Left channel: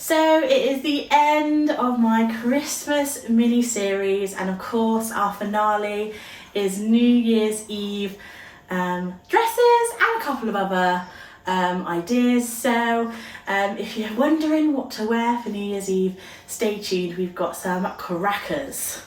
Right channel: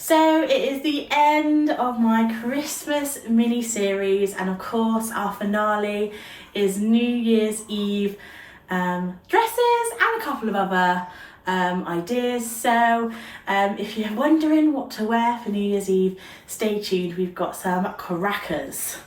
So it is the end of my Christmas mini series, and of course our finale is New Year's Eve dresses and a couple of other ideas. So if you're wondering what to wear for New Year's Eve, stay tuned, we've got some crackers.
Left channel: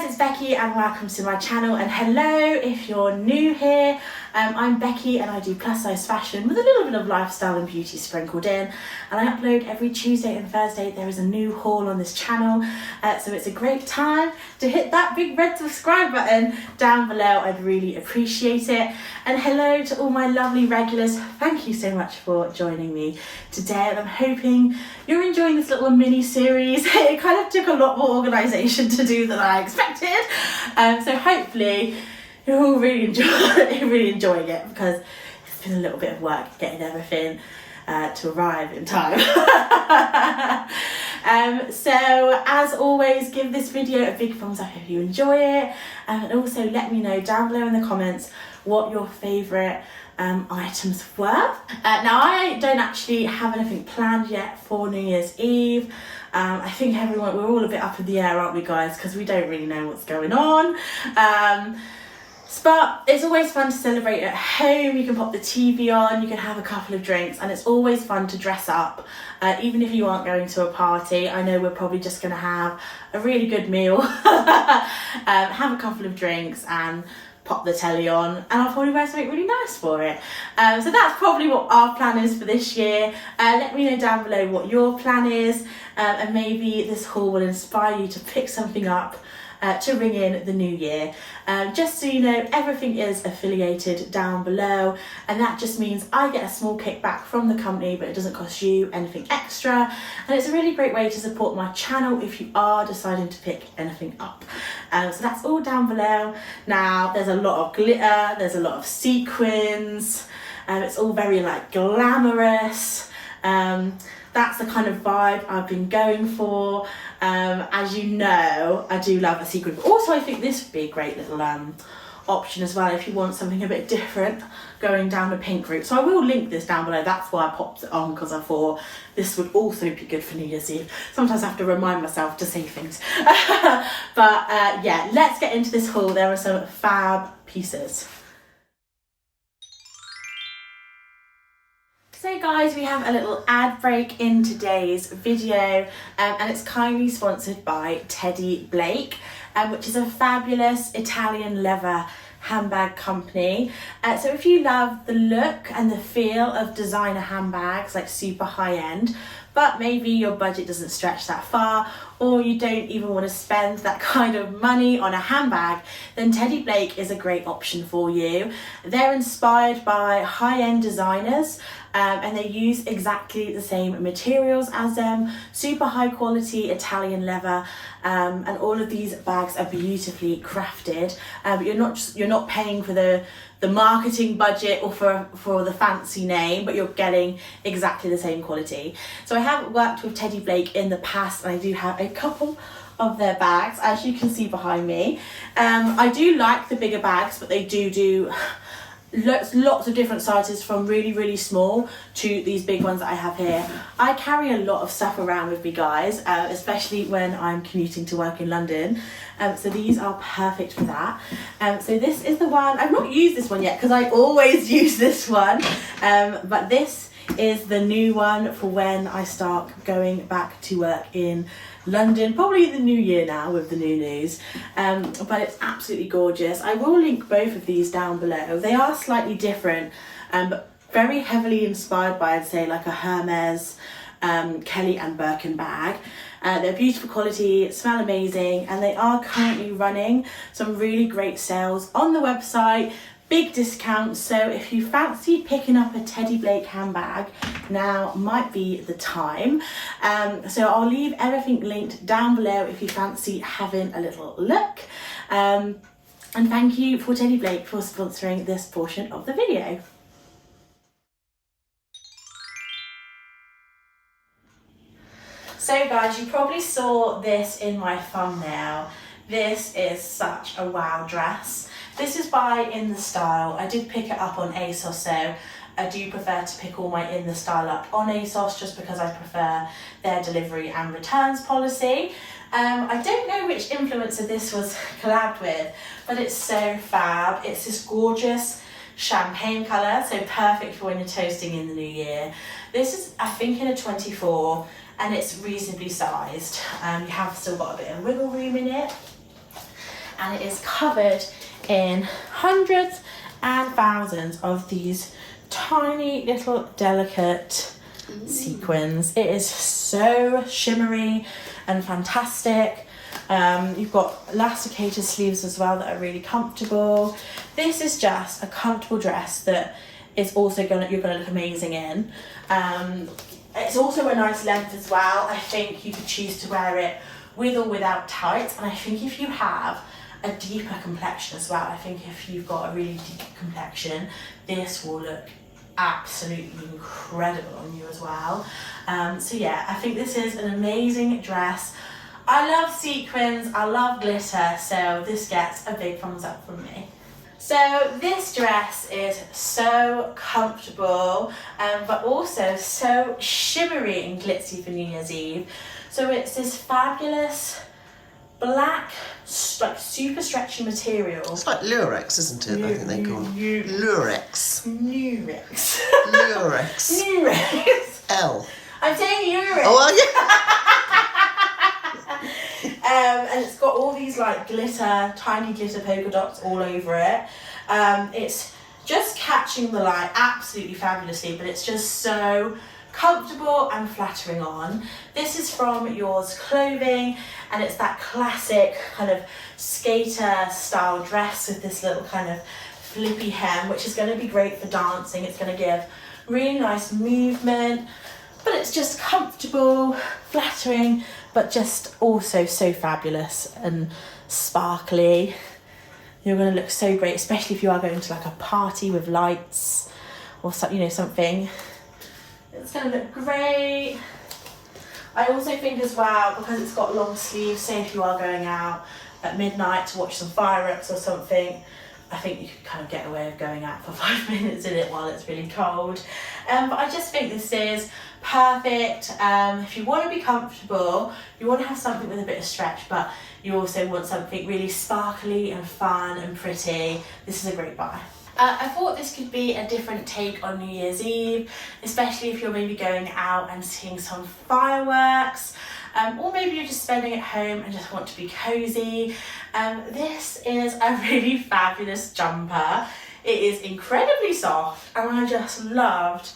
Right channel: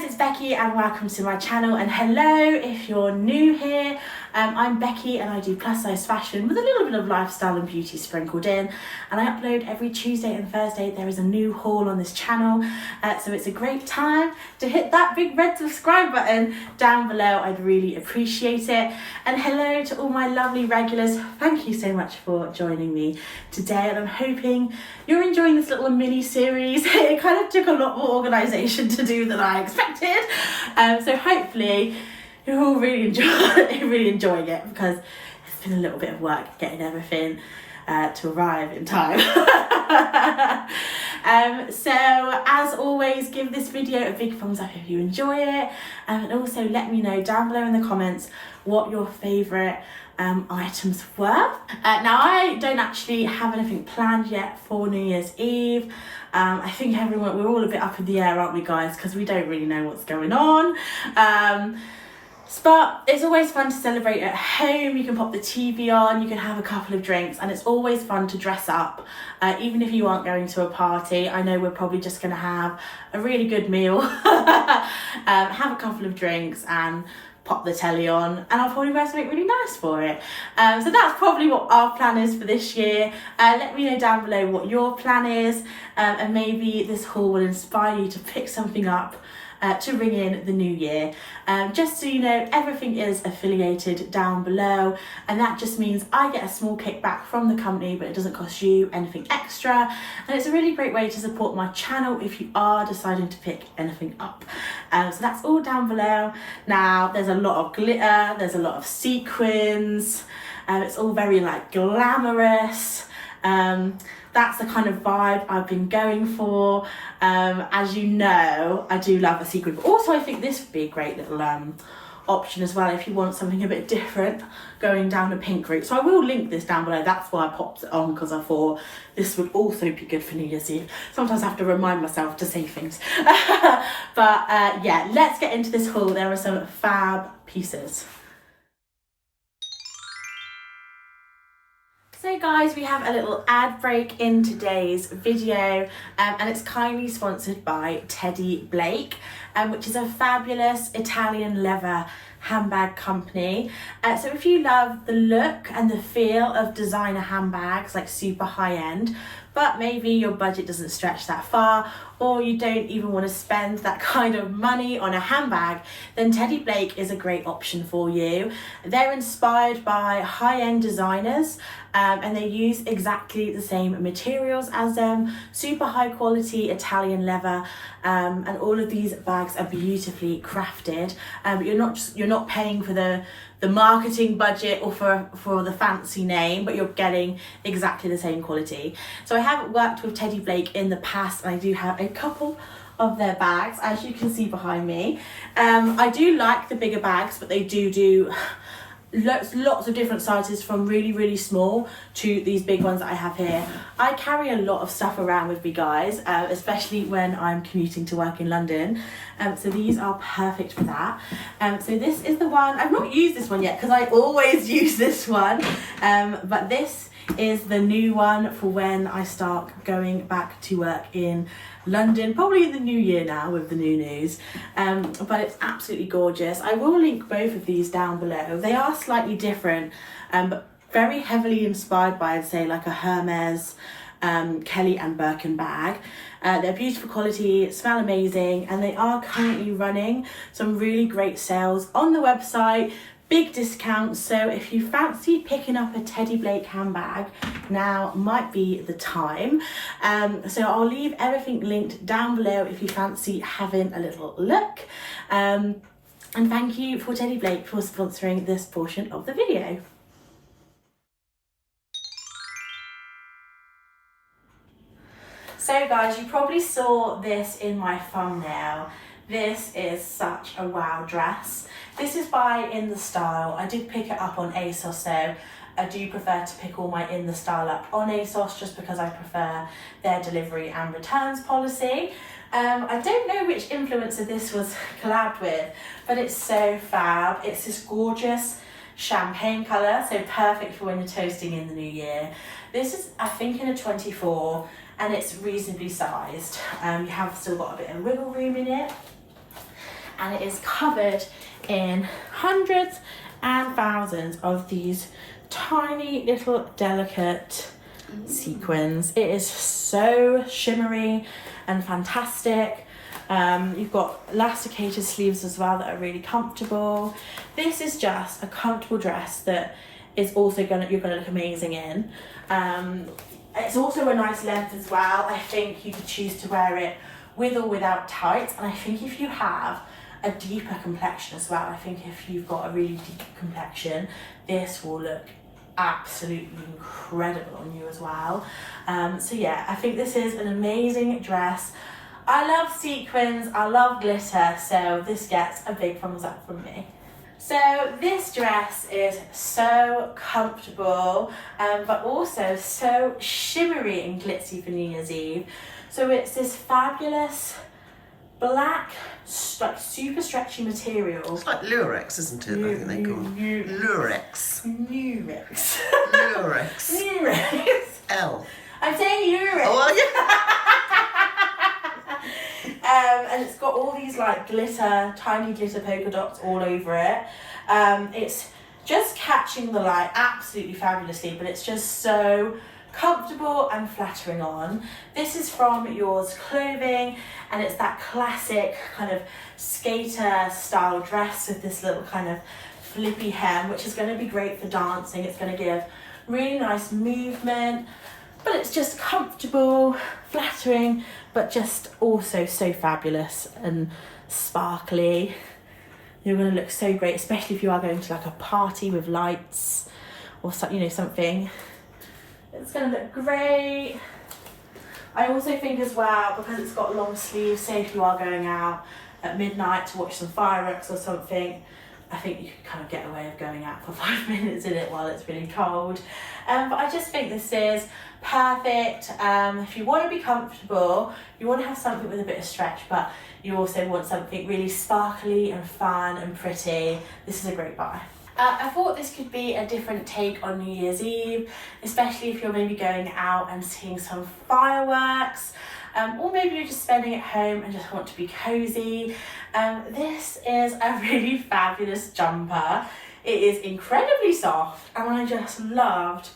It's Becky and welcome to my channel, and hello if you're new here. I'm Becky and I do plus size fashion with a little bit of lifestyle and beauty sprinkled in, and I upload every Tuesday and Thursday. There is a new haul on this channel, so it's a great time to hit that big red subscribe button down below. I'd really appreciate it. And hello to all my lovely regulars, thank you so much for joining me today, and I'm hoping you're enjoying this little mini series. It kind of took a lot more organisation to do than I expected, so hopefully you're all really enjoying it, because it's been a little bit of work getting everything to arrive in time. So as always, give this video a big thumbs up if you enjoy it, and also let me know down below in the comments what your favourite items were. Now I don't actually have anything planned yet for New Year's Eve. I think we're all a bit up in the air, aren't we guys, because we don't really know what's going on. But it's always fun to celebrate at home. You can pop the TV on, you can have a couple of drinks, and it's always fun to dress up, even if you aren't going to a party. I know we're probably just going to have a really good meal, have a couple of drinks and pop the telly on, and I'll probably wear something really nice for it. So that's probably what our plan is for this year. Let me know down below what your plan is, and maybe this haul will inspire you to pick something up to ring in the new year. Just so you know, everything is affiliated down below, and that just means I get a small kickback from the company, but it doesn't cost you anything extra, and it's a really great way to support my channel if you are deciding to pick anything up. So that's all down below. Now there's a lot of glitter, there's a lot of sequins, it's all very like glamorous. That's the kind of vibe I've been going for. As you know, I do love a sequin, but also I think this would be a great little option as well if you want something a bit different, going down the pink route. So I will link this down below. That's why I popped it on, because I thought this would also be good for New Year's Eve. Sometimes I have to remind myself to say things. But yeah, let's get into this haul. There are some fab pieces. So guys, we have a little ad break in today's video, and it's kindly sponsored by Teddy Blake, which is a fabulous Italian leather handbag company. So if you love the look and the feel of designer handbags, like super high end, but maybe your budget doesn't stretch that far, or you don't even want to spend that kind of money on a handbag, then Teddy Blake is a great option for you. They're inspired by high-end designers, and they use exactly the same materials as them, super high quality Italian leather, and all of these bags are beautifully crafted. But you're not paying for the marketing budget or for the fancy name, but you're getting exactly the same quality. So I have worked with Teddy Blake in the past, and I do have a couple of their bags, as you can see behind me. I do like the bigger bags, but they do lots of different sizes, from really small to these big ones that I have here. I carry a lot of stuff around with me, guys, especially when I'm commuting to work in London, so these are perfect for that. So this is the one. I've not used this one yet because I always use this one, but this is the new one for when I start going back to work in London, probably in the new year now with the new news, but it's absolutely gorgeous. I will link both of these down below. They are slightly different, but very heavily inspired by, I'd say, like a Hermes, Kelly and Birkin bag. They're beautiful quality, smell amazing, and they are currently running some really great sales on the website. Big discounts, so if you fancy picking up a Teddy Blake handbag, now might be the time. So I'll leave everything linked down below if you fancy having a little look. And thank you for Teddy Blake for sponsoring this portion of the video. So So guys, you probably saw this in my thumbnail. This is such a wow dress. This is by In The Style. I did pick it up on ASOS, so I do prefer to pick all my In The Style up on ASOS just because I prefer their delivery and returns policy. I don't know which influencer this was collabed with, but it's so fab. It's this gorgeous champagne colour, so perfect for when you're toasting in the new year. This is, I think, in a 24, and it's reasonably sized. You have still got a bit of wiggle room in it, and it is covered in hundreds and thousands of these tiny little delicate sequins. It is so shimmery and fantastic. You've got elasticated sleeves as well that are really comfortable. This is just a comfortable dress that is also you're gonna look amazing in. It's also a nice length as well. I think you could choose to wear it with or without tights, and I think if you have a deeper complexion as well, I think if you've got a really deep complexion, this will look absolutely incredible on you as well. So yeah, I think this is an amazing dress. I love sequins, I love glitter, so this gets a big thumbs up from me. So this dress is so comfortable, but also so shimmery and glitzy for New Year's Eve. So it's this fabulous black, like super stretchy material. It's like Lurex, isn't it? I think they call it Lurex. Nurex. Lurex. Nurex. L. I'm saying Nurex. Oh, And it's got all these like glitter, tiny glitter polka dots all over it. It's just catching the light absolutely fabulously, but it's just so comfortable and flattering on. This is from Yours Clothing, and it's that classic kind of skater style dress with this little kind of flippy hem, which is going to be great for dancing. It's going to give really nice movement, but it's just comfortable, flattering, but just also so fabulous and sparkly. You're going to look so great, especially if you are going to like a party with lights or something. It's going to look great. I also think as well, because it's got long sleeves, say if you are going out at midnight to watch some fireworks or something, I think you could kind of get away with going out for 5 minutes in it while it's really cold. But I just think this is perfect. If you want to be comfortable, you want to have something with a bit of stretch, but you also want something really sparkly and fun and pretty, this is a great buy. I thought this could be a different take on New Year's Eve, especially if you're maybe going out and seeing some fireworks, or maybe you're just spending at home and just want to be cozy. This is a really fabulous jumper. It is incredibly soft, and I just loved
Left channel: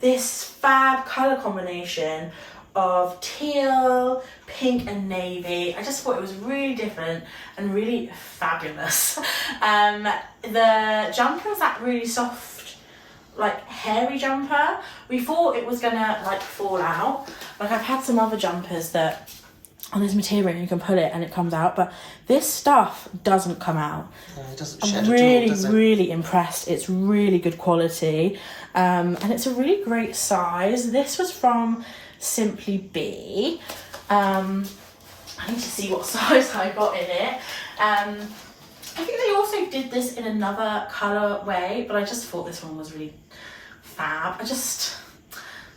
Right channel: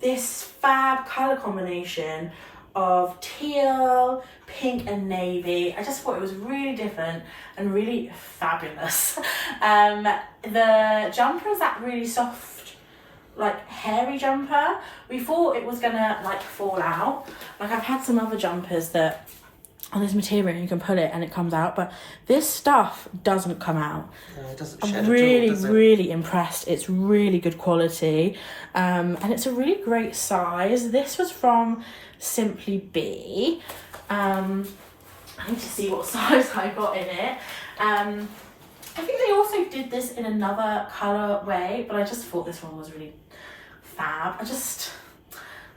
this fab colour combination of teal, pink and navy. I just thought it was really different and really fabulous. The jumper is that really soft, like hairy jumper. We thought it was gonna like fall out. Like I've had some other jumpers that on this material you can pull it and it comes out, but this stuff doesn't come out. No, it doesn't shed I'm really, at all, does it? really impressed. It's really good quality, and it's a really great size. This was from Simply Be. I need to see what size I got in it. I think they also did this in another colour way, but I just thought this one was really fab. I just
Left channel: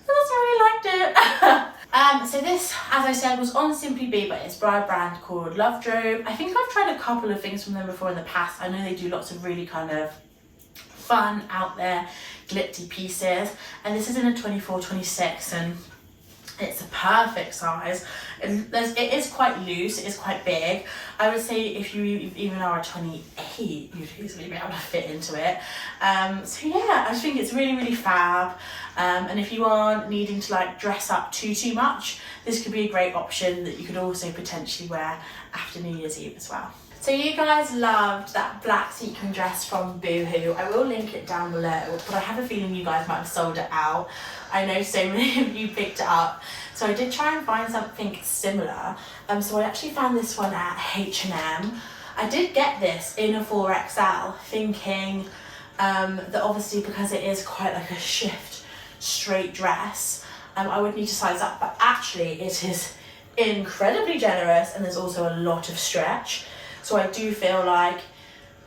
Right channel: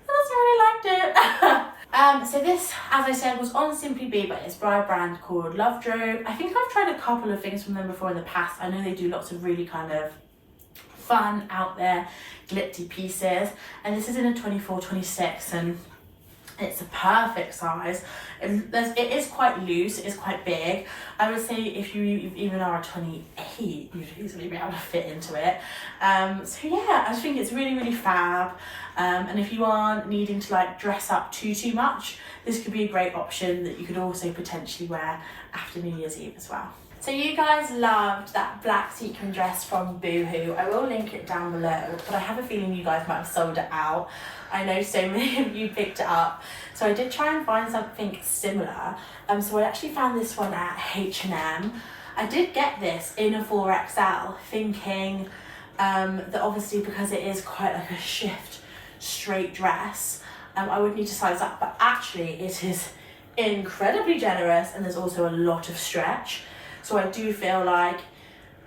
really liked it. So this, as I said, was on Simply Be, but it's by a brand called Love Drove. I think I've tried a couple of things from them before in the past. I know they do lots of really kind of fun, out there, glitzy pieces. And this is in a 24-26, and it's a perfect size. It is quite loose, it is quite big. I would say if you even are a 28, you'd easily be able to fit into it. So yeah, I think it's really, really fab. And if you aren't needing to like dress up too much, this could be a great option that you could also potentially wear after New Year's Eve as well. So you guys loved that black sequin dress from Boohoo. I will link it down below, but I have a feeling you guys might have sold it out. I know so many of you picked it up. So I did try and find something similar. So I actually found this one at H&M. I did get this in a 4XL, thinking that obviously because it is quite like a shift straight dress, I would need to size up, but actually it is incredibly generous, and there's also a lot of stretch. So I do feel like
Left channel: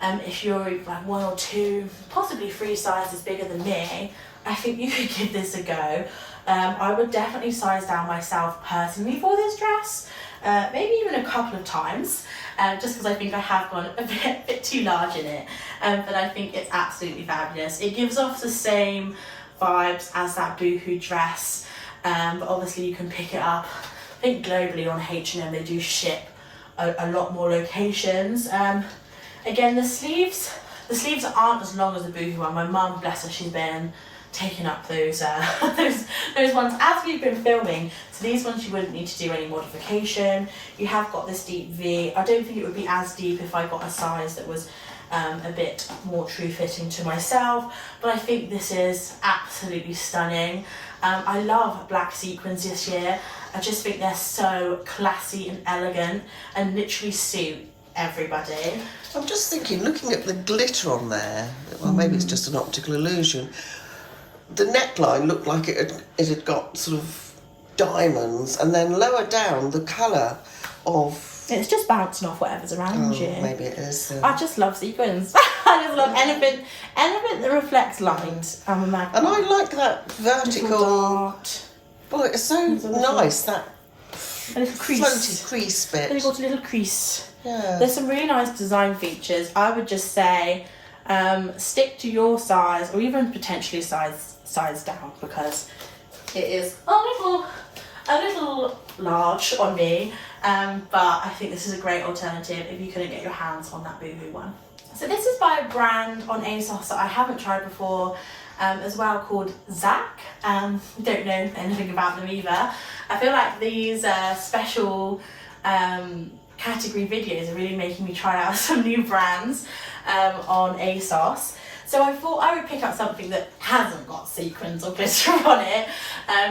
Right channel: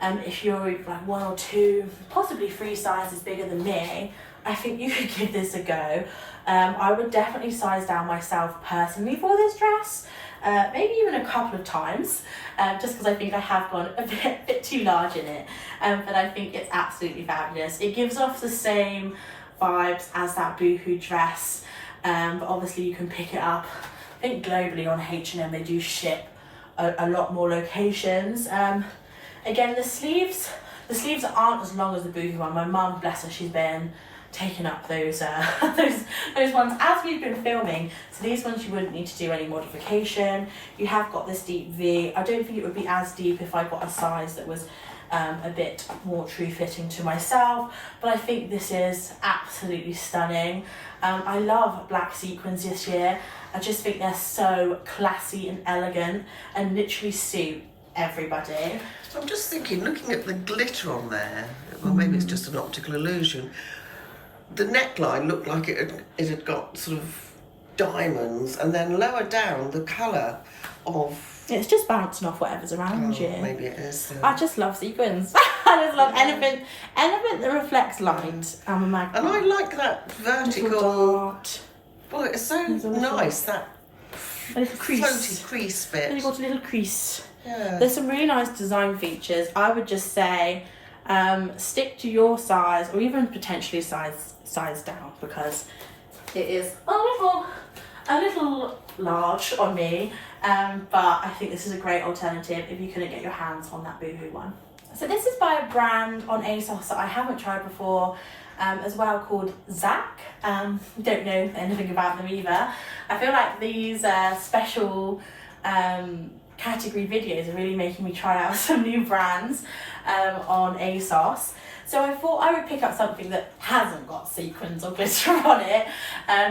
if you're like 1 or 2, possibly 3 sizes bigger than me, I think you could give this a go. I would definitely size down myself personally for this dress, maybe even a couple of times, just because I think I have gone a bit too large in it, but I think it's absolutely fabulous. It gives off the same vibes as that boohoo dress, but obviously you can pick it up. I think globally on H&M they do ship a lot more locations. Again, the sleeves aren't as long as the boohoo one. My mum, bless her, she's been taking up those those ones as we've been filming. So these ones you wouldn't need to do any modification. You have got this deep V. I don't think it would be as deep if I got a size that was a bit more true fitting to myself, but I think this is absolutely stunning. I love black sequins this year. I just think they're so classy and elegant and literally suit everybody. I'm just thinking, looking at the glitter on there, well, maybe it's just an optical illusion. The neckline looked like it had got sort of diamonds, and then lower down the colour of... It's just bouncing off whatever's around you. Maybe it is. I just love sequins. I just love anything that reflects light. I'm a magnet. And I like that vertical... dart. Well, it's so nice, that a little crease. floaty crease bit. Then you've got a little crease. Yeah. There's some really nice design features. I would just say stick to your size, or even potentially size down, because it is a little large on me, but I think this is a great alternative if you couldn't get your hands on that boohoo one. So this is by a brand on ASOS that I haven't tried before as well, called Zack. Don't know anything about them either. I feel like these special category videos are really making me try out some new brands on ASOS. So I thought I would pick up something that hasn't got sequins or glitter on it,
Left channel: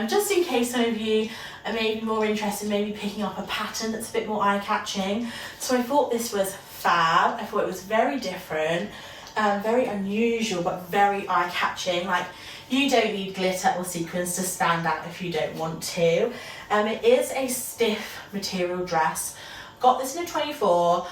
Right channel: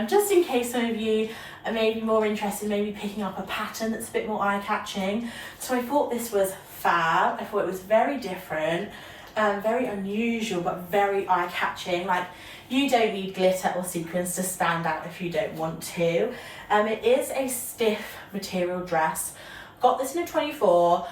just in case some of you are maybe more interested in maybe picking up a pattern that's a bit more eye-catching. So I thought this was fab. I thought it was very different, very unusual, but very eye-catching. Like, you don't need glitter or sequins to stand out if you don't want to. It is a stiff material dress. Got this in a 24.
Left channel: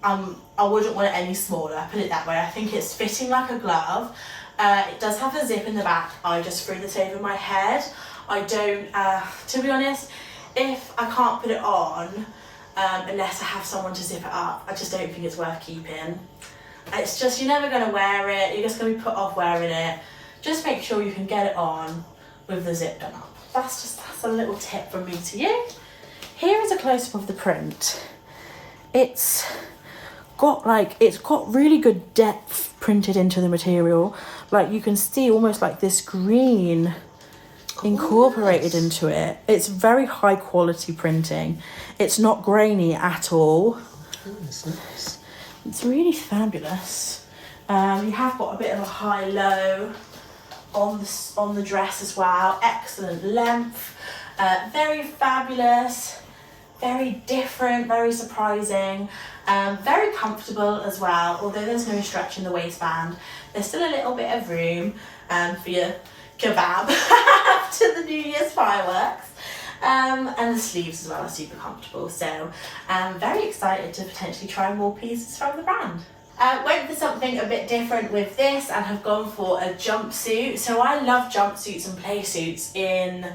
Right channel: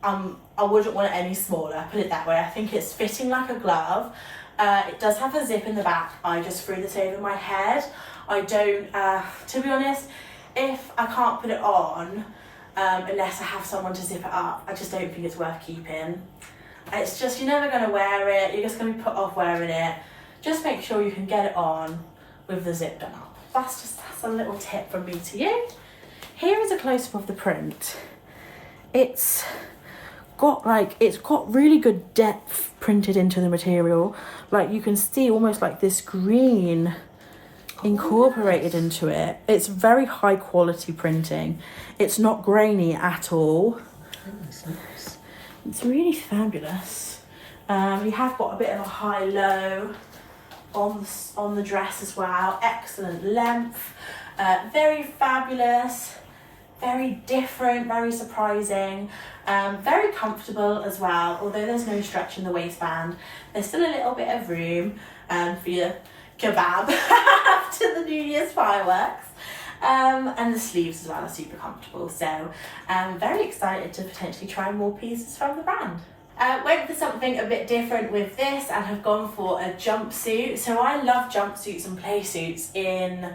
I wouldn't want it any smaller, put it that way. I think it's fitting like a glove. It does have a zip in the back. I just threw this over my head. I don't, to be honest, if I can't put it on, unless I have someone to zip it up, I just don't think it's worth keeping. It's just, you're never going to wear it. You're just going to be put off wearing it. Just make sure you can get it on with the zip done up. That's a little tip from me to you. Here is a close-up of the print. It's got really good depth printed into the material. Like, you can see almost like this green incorporated into it. It's very high quality printing. It's not grainy at all. Nice. It's really fabulous. You have got a bit of a high-low on the dress as well. Excellent length. Very fabulous. Very different, very surprising, very comfortable as well, although there's no stretch in the waistband. There's still a little bit of room for your kebab after the New Year's fireworks. And the sleeves as well are super comfortable, so I'm very excited to potentially try more pieces from the brand. Went for something a bit different with this and have gone for a jumpsuit. So I love jumpsuits and play suits in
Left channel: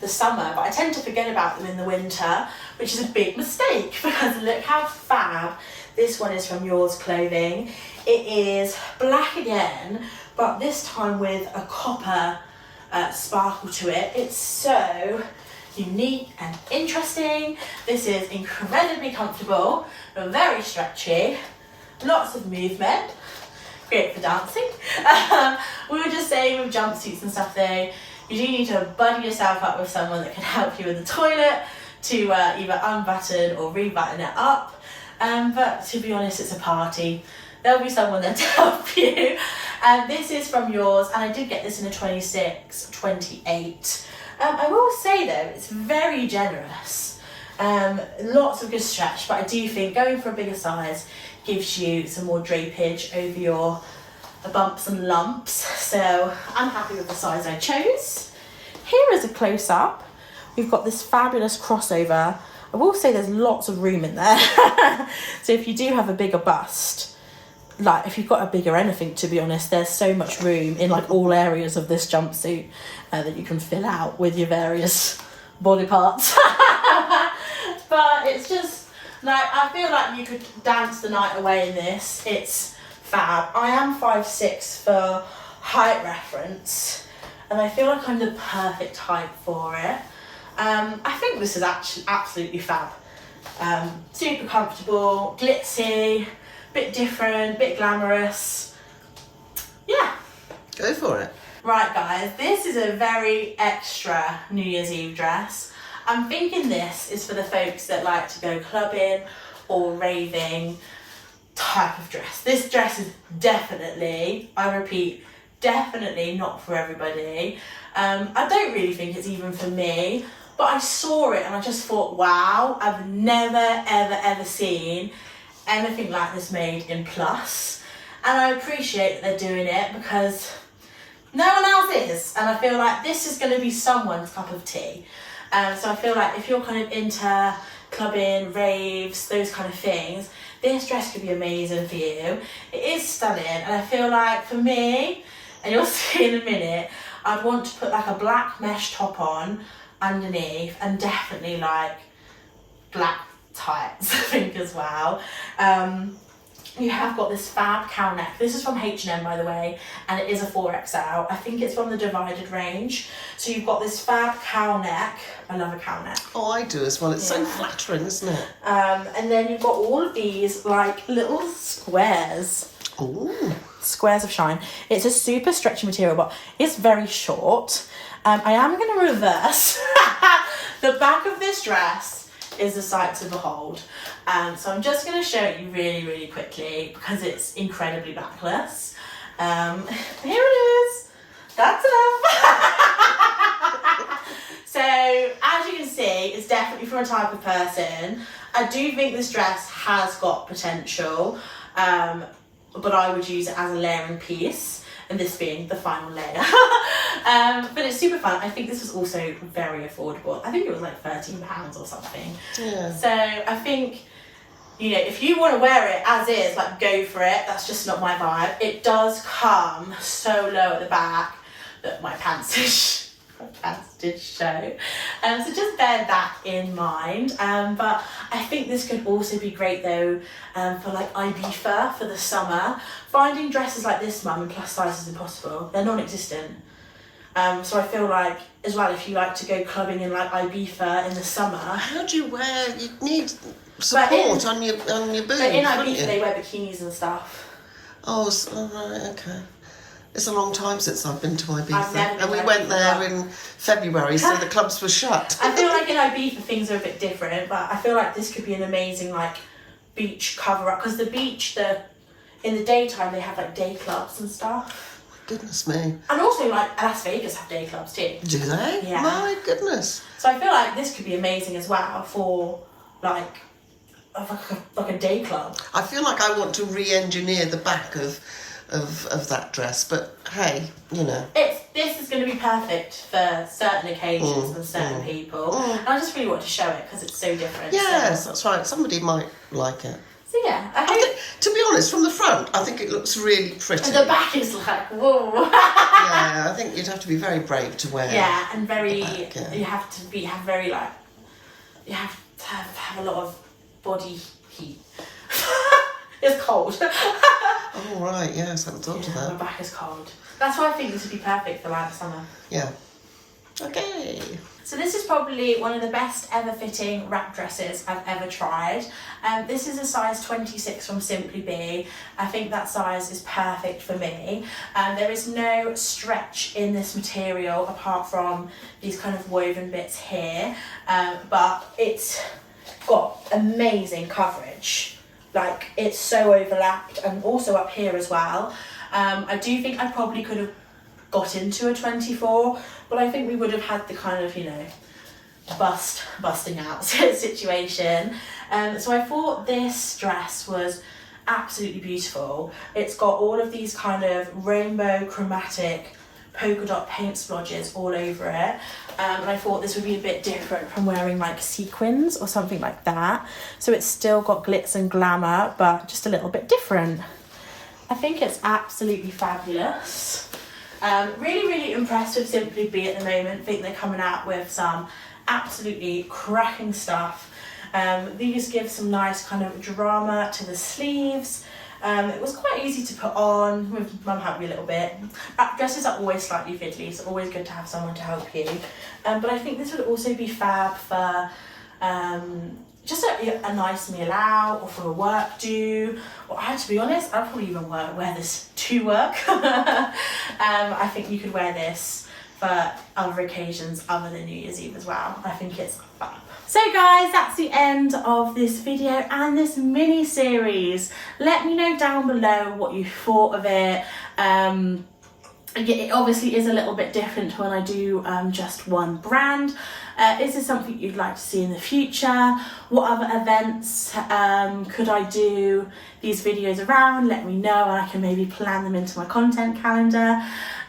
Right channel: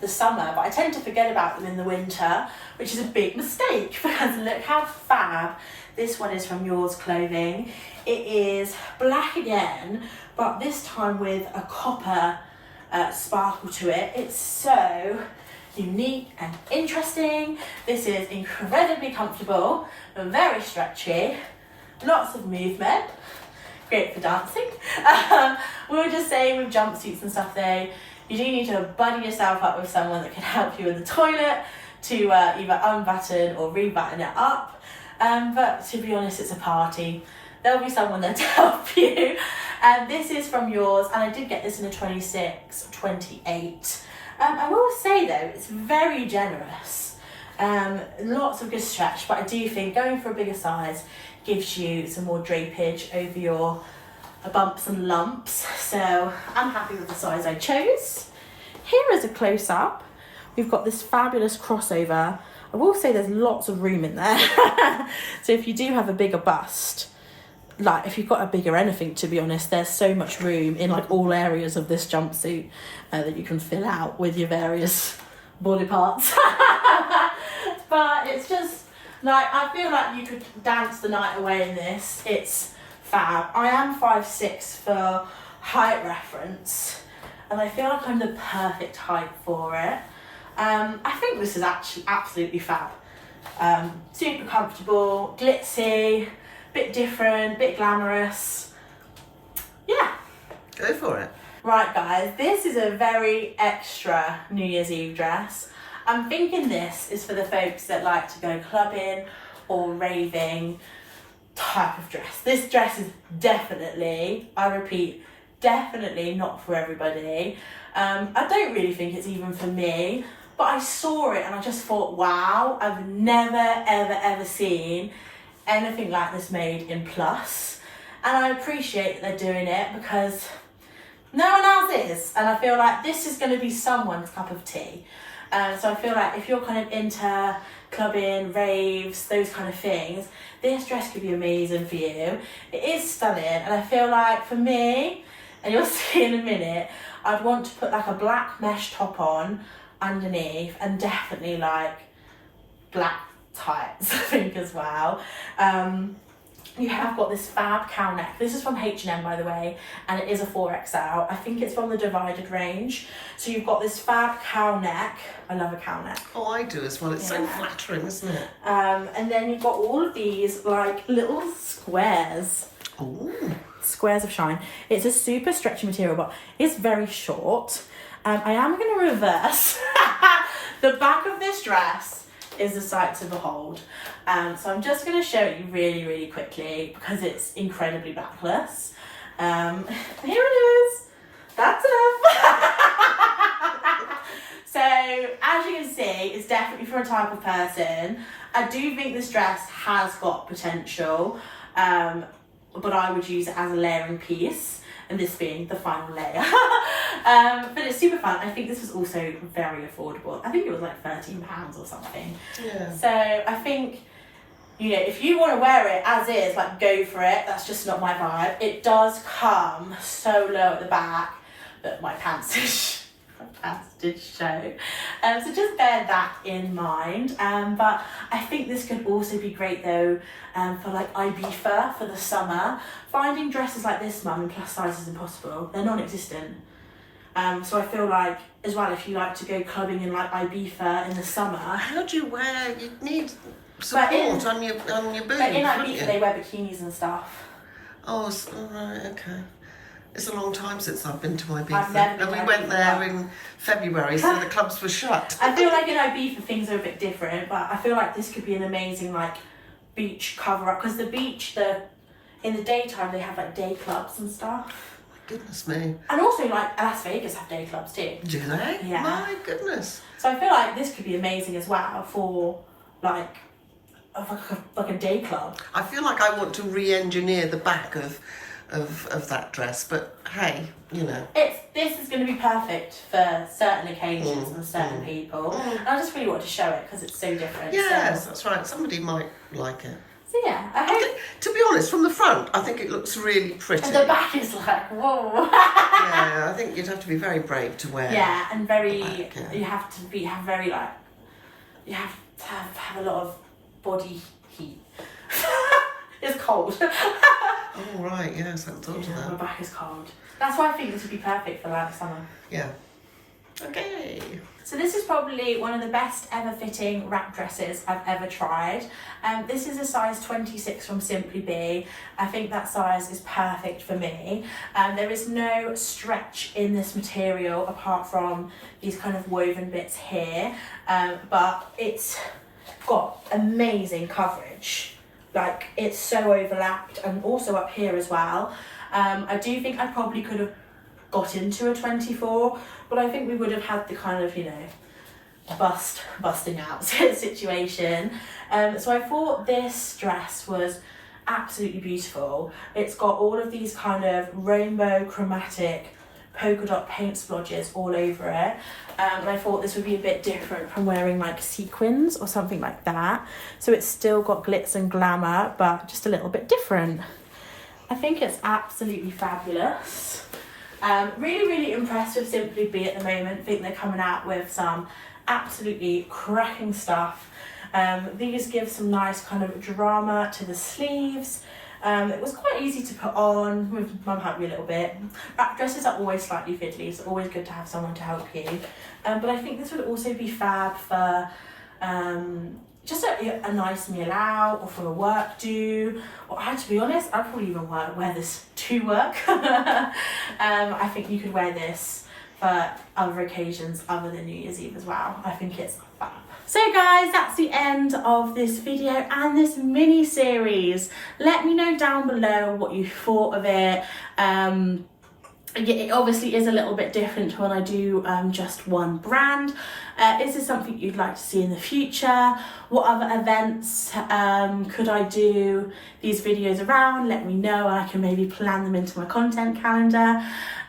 the summer, but I tend to forget about them in the winter, which is a big mistake, because look how fab this one is from Yours Clothing. It is black again, but this time with a copper sparkle to it. It's so unique and interesting. This is incredibly comfortable, very stretchy, lots of movement, great for dancing. We were just saying with jumpsuits and stuff though, you do need to buddy yourself up with someone that can help you in the toilet to either unbutton or rebutton it up. But to be honest, it's a party. There'll be someone there to help you. This is from Yours, and I did get this in a 26, 28. I will say though, it's very generous. Lots of good stretch, but I do think going for a bigger size gives you some more drapage over your bumps and lumps, so I'm happy with the size I chose. Here is a close-up we've got this fabulous crossover. I will say there's lots of room in there. So if you do have a bigger bust, like if you've got a bigger anything, to be honest, there's so much room in like all areas of this jumpsuit that you can fill out with your various body parts. But it's just like, I feel like you could dance the night away in this. It's fab. I am 5'6" for height reference, and I feel like I'm the perfect height for it. I think this is actually absolutely fab. Super comfortable, glitzy, bit different, bit glamorous. Yeah. Go for it. Right guys, this is a very extra New Year's Eve dress. I'm thinking this is for the folks that like to go clubbing or raving type of dress. This dress is definitely, I repeat, definitely not for everybody. I don't really think it's even for me, but I saw it and I just thought, wow, I've never, ever, ever seen anything like this made in plus. And I appreciate that they're doing it because no one else is. And I feel like this is going to be someone's cup of tea. So I feel like if you're kind of into clubbing, raves, those kind of things, this dress could be amazing for you. It is stunning, and I feel like for me, and you'll see in a minute, I'd want to put like a black mesh top on underneath, and definitely like black tights, I think, as well. You have got this fab cowl neck. This is from H&M, by the way, and it is a 4XL. I think it's from the Divided range. So you've got this fab cowl neck. I love a cowl neck. Oh, I do as well. It's so flattering, isn't it? And then you've got all of these like little squares. Ooh. Squares of shine. It's a super stretchy material, but it's very short. I am going to reverse. The back of this dress is a sight to behold. So I'm just going to show it you really, really quickly because it's incredibly backless. Here it is. That's enough. So as you can see, it's definitely for a type of person. I do think this dress has got potential, but I would use it as a layering piece, and this being the final layer. But it's super fun. I think this was also very affordable. I think it was like £13 or something. Yeah. So I think, you know, if you want to wear it as is, like, go for it. That's just not my vibe. It does come so low at the back that my pants did show. So just bear that in mind. But I think this could also be great though for like Ibiza for the summer. Finding dresses like this, mum, in plus size is impossible. They're non-existent. So I feel like, as well, if you like to go clubbing in like Ibiza in the summer. How do you wear? You need support on your boobs. But in Ibiza they wear bikinis and stuff. Oh, right, okay. It's a long time since I've been to Ibiza. I've never been and we to went Ibiza. there in February, so the clubs were shut. I feel like in Ibiza things are a bit different, but I feel like this could be an amazing like beach cover up, because the beach, in the daytime they have like day clubs and stuff. Goodness me. And also like Las Vegas have day clubs too. Do they? Yeah. My goodness. So I feel like this could be amazing as well for like a day club. I feel like I want to re-engineer the back of that dress, but hey, you know. This is going to be perfect for certain occasions and certain people. And I just really want to show it because it's so different. Yes, that's right. Somebody might like it. So yeah, I hope. To be honest, from the front, I think it looks really pretty. And the back is like, whoa. Yeah, I think you'd have to be very brave to wear. Yeah, and very. Back, yeah. You have to have very like. You have to have a lot of body heat. It's cold. Oh right, yes, I haven't thought of My that. back is cold. That's why I think this would be perfect for like summer. Yeah. Okay. So this is probably one of the best ever fitting wrap dresses I've ever tried. This is a size 26 from Simply Be. I think that size is perfect for me. There is no stretch in this material apart from these kind of woven bits here, but it's got amazing coverage. Like, it's so overlapped, and also up here as well. I do think I probably could have got into a 24, but I think we would have had the kind of, you know, busting out situation. So I thought this dress was absolutely beautiful. It's got all of these kind of rainbow chromatic polka dot paint splodges all over it. And I thought this would be a bit different from wearing like sequins or something like that. So it's still got glitz and glamour, but just a little bit different. I think it's absolutely fabulous. Really, really impressed with Simply Be at the moment. I think they're coming out with some absolutely cracking stuff. These give some nice kind of drama to the sleeves. It was quite easy to put on. Mum helped me a little bit. Wrap dresses are always slightly fiddly, so always good to have someone to help you. But I think this would also be fab for just a nice meal out, or for a work do, or to be honest, I'd probably even wear this to work. I think you could wear this for other occasions other than New Year's Eve as well. I think it's fab. So guys, that's the end of this video and this mini series. Let me know down below what you thought of it. It obviously is a little bit different to when I do just one brand. Is this something you'd like to see in the future? What other events could I do these videos around? Let me know and I can maybe plan them into my content calendar.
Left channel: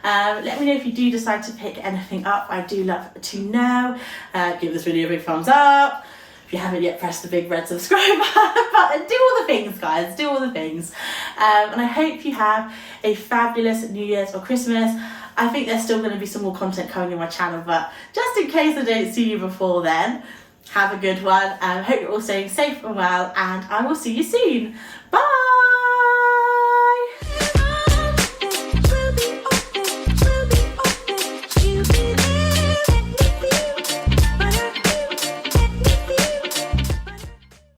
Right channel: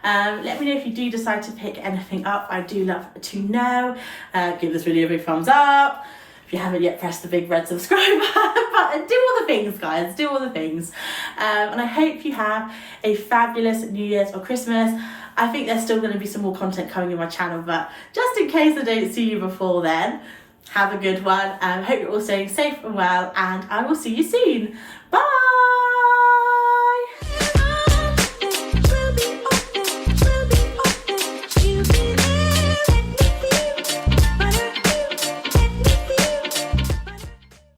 Let me know if you do decide to pick anything up. I do love to know. Give this video a big thumbs up. If you haven't yet, press the big red subscribe button. Do all the things, guys. Do all the things. And I hope you have a fabulous New Year's or Christmas. I think there's still going to be some more content coming in my channel, but just in case I don't see you before then, have a good one. Hope you're all staying safe and well, and I will see you soon. Bye.